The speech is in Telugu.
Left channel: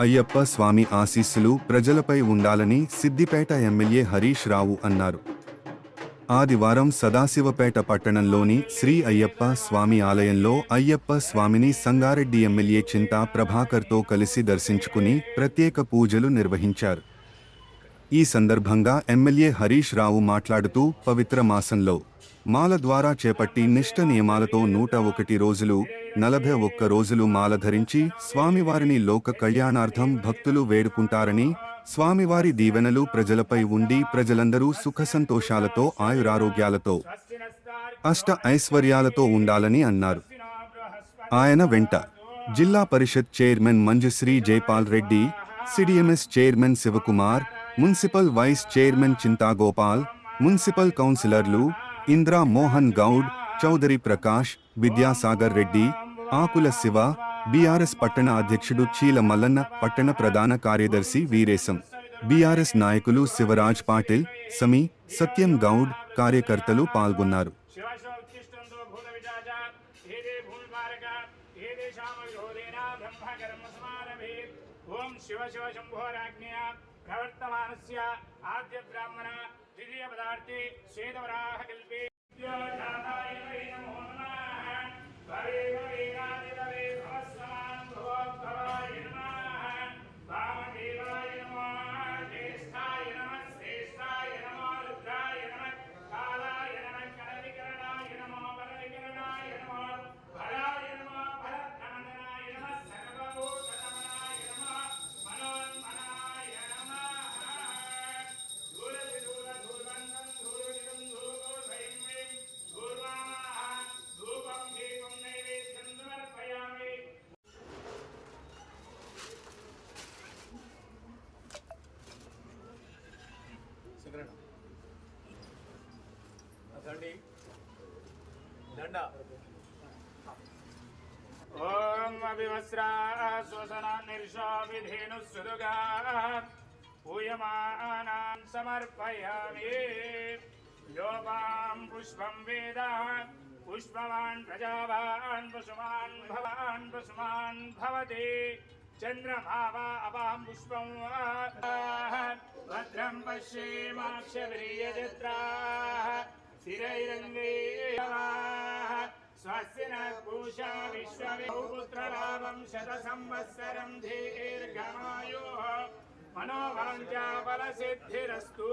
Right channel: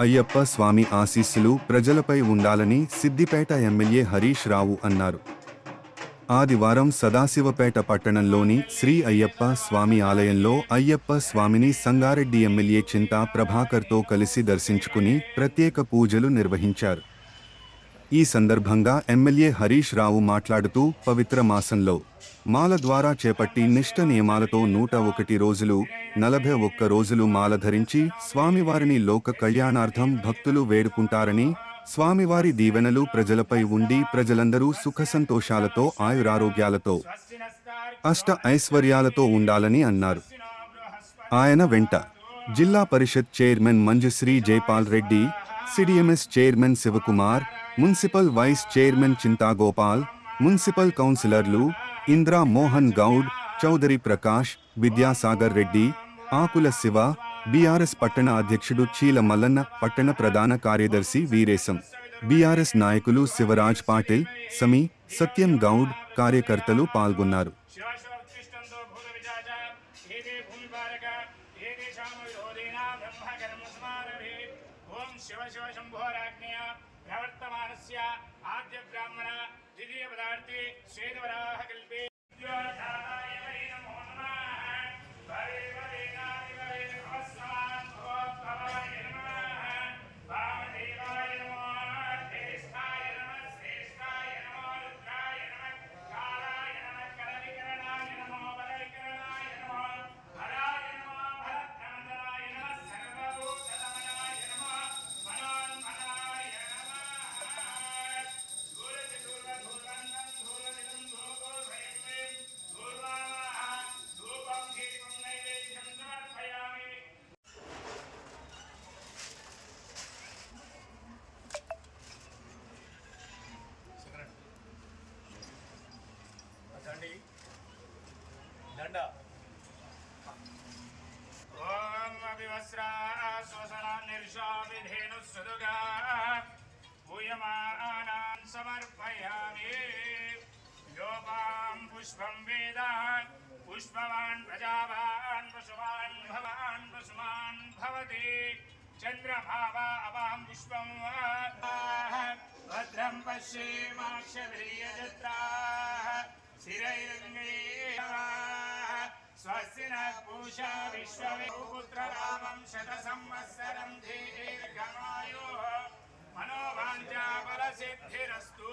అయ్యప్ప స్వామి ఆశీస్సులు ప్రజలపై ఉండాలని సిద్దిపేట ఎమ్మెల్యే హరీష్ రావు అన్నారు. ఆదివారం సదాశివపేట పట్టణంలోని శ్రీ అయ్యప్ప స్వామి ఆలయంలో అయ్యప్ప స్వామిని సంగారెడ్డి ఎమ్మెల్యే చింతా ప్రభాకర్తో కలిసి దర్శించుకుని ప్రత్యేక పూజలు నిర్వహించారు. ఈ సందర్భంగా ఎమ్మెల్యే హరీష్ రావు మాట్లాడుతూ పవిత్ర మాసంలో మాల ద్వారా చేపట్టి నిష్ట నియమాలతో నూట ఒకటి రోజులు నలభై ఒక్క రోజులు మాల ధరించి స్వామివారిని లోక కళ్యాణార్థం భక్తులు వేడుకుంటారని స్వామివారి దీవెనలు ప్రజలపై ఉండి ప్రజలందరూ సుఖసంతోషాలతో ఆయురారోగ్యాలతో అష్ట ఐశ్వర్యాలతో ఉండాలని అన్నారు. ఆయన వెంట Zilla Parishad chairman Manjushree Jaipal Reddy CDMS chairman Sivakumar municipal vice chairman Chintagopal municipal కౌన్సిలర్లు ఇంద్రా మోహన్ గౌడ్ చౌదరి ప్రకాష్ విద్యాసాగర్ రెడ్డి ఆకుల శివ బీఆర్ఎస్ పట్టణ అధ్యక్షుడు చీల మల్లన్న పట్టణ ప్రధాన కార్యదర్శి వీరేశం. బీఆర్ఎస్ నాయకులు శివరాజ్ పాటిల్ సమీ సత్యం గౌడ్ కార్యకర్తలు పాల్గొన్నారు. ఓం శివ శివ శంభోరాజ్ఞయ ప్రవర్తమానస్య ఆద్య బ్రాహ్మణ ద్వితీయ పదార్థే ఓం అవివస్రా శ్వసన నిర్షా విధేను సుదుగా పూయమానాన్ సమర్పయామి యోపాం పుష్పం వేద పుష్పవాన్ ప్రజావాన్ పశుమాన్ భవాన్ పశుమాన్ భవతి చంద్రమావా అవాం పుష్పం భద్రం పశ్యేమాక్షద్రియజత్రా శిరైరంగే స్వస్య న स्वस्य न पूषा विश्वविपुत्रलाभं शतसंवत्सरं धीर्गमायोः मनोवाञ्चाफलसिद्धिरस्तु